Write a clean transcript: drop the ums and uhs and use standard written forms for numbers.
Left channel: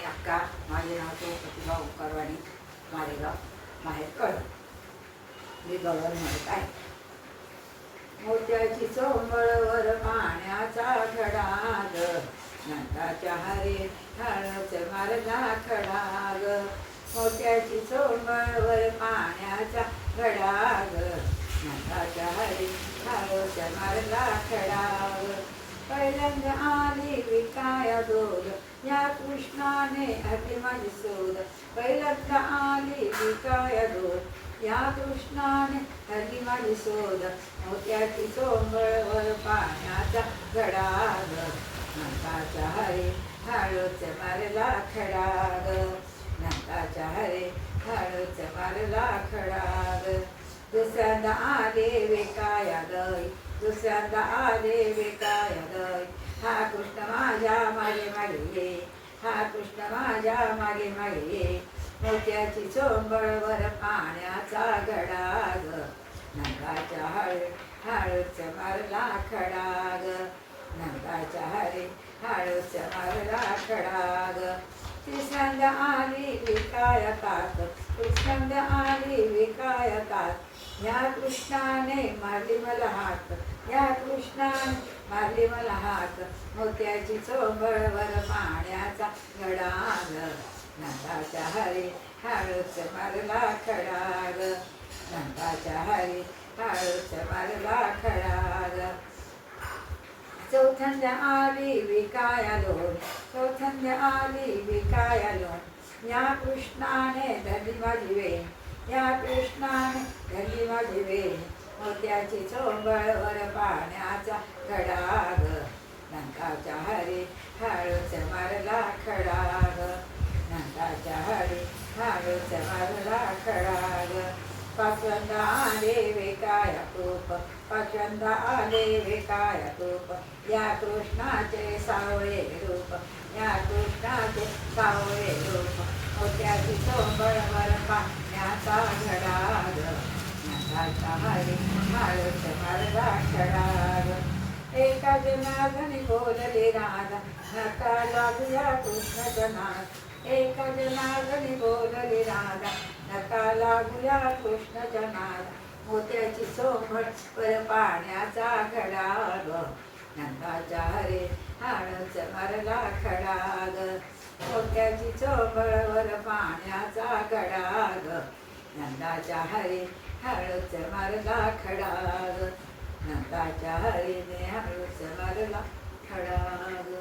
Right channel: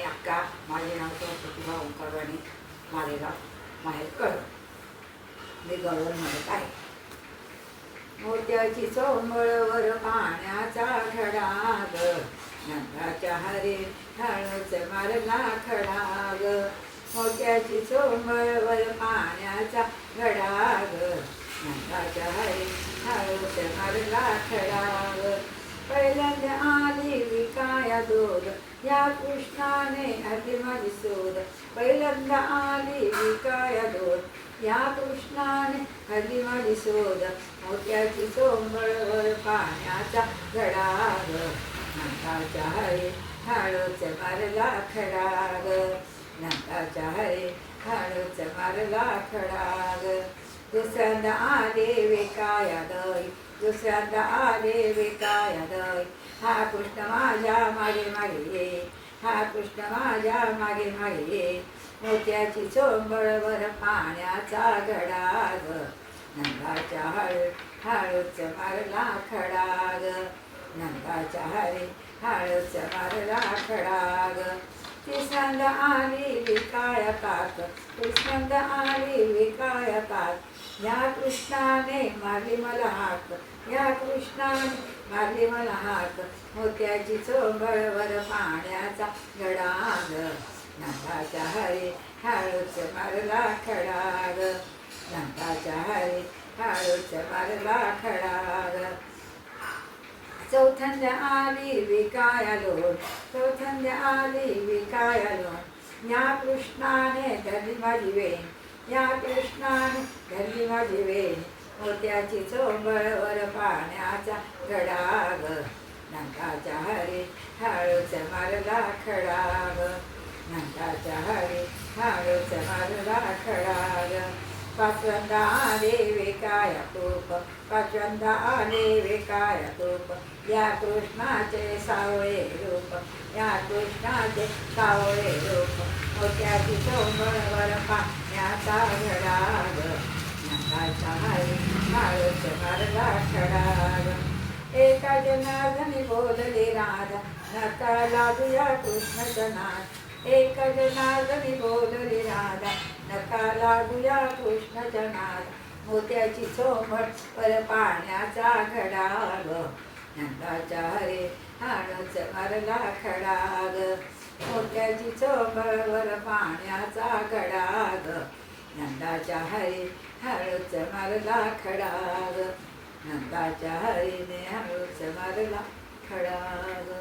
आणि अक्का. माझे नाव तो प्रतिभा ओंकारवाणी, मालेगाव, माहेर कळ. मी गळवण म्हणत आहे. मोत्याची चोंबळवर पाण्याचा खडाग, नंदाच्या हरी हळूच मारला खडाग. मोत्याची चोंबळवर पाण्याचा खडाग, नंदाच्या हरी हळूच मारला खडाग. पहिल्यांदा आली विकाया दूध, या कृष्णाने आधी माझी शोध. पहिल्यांदा आली विकाया दूध, या कृष्णाने आधी माझी शोध. मोत्याची चोंबळवर पाण्याचा खडाग, नंदाच्या हरी हळूच मारला खडाग. नंदाच्या हरी हळूच मारला खडाग. दुसऱ्यांदा आले विकाया दई, दुसऱ्यांदा आले विकाया दई. हा कृष्ण माझ्या मागे मागे ये, हा कृष्ण माझ्या मागे मागे ये. मोत्याची चोंबळवर पाण्याचा खडाग, नंदाच्या हरी हळूच मारला खडाग. नंदाच्या हरी हळूच मारला खडाग. तिसऱ्यांदा आली विकाया तात, तिसऱ्यांदा आली विकाया तात. या कृष्णाने मारली मला हाक, या कृष्णाने मारली मला हाक. मोत्याची चोंबळवर पाण्याचा खडाग, नंदाच्या हरी हळूच मारला खडाग. नंदाच्या हरी हळूच मारला खडाग. चौथ्यांदा आली विकाया लोण, चौथ्यांदा आली विकाया लोण. या कृष्णाने धरली माझी वेण, या कृष्णाने धरली माझी वेण. मोत्याची चोंबळवर पाण्याचा खडाग, नंदाच्या हरी हळूच मारला खडाग. नंदाच्या हरी हळूच मारला खडाग. पाचव्यांदा आले विकाया तूप, पाचव्यांदा आले विकाया तूप. या कृष्णाचे सावळे रूप, या कृष्णाचे सावळे रूप. मोत्याची चोंबळवर पाण्याचा खडाग, नंदाच्या हरी हळूच मारला खडाग. एका जनार्दनी बोलली राधा, नका लागूया कृष्णाचा नाद. एका जनार्दनी बोलली राधा, नका लागूया कृष्णाचा नाद. मोत्याची चोंबळवर पाण्याचा खडाग, नंदाच्या हरी हळूच मारला खडाग. मोत्याची चोंबळवर पाण्याचा खडाग, नंदाच्या हरी हळूच मारला खडाग. नंदाच्या हरीने हळूच मारला खडाग.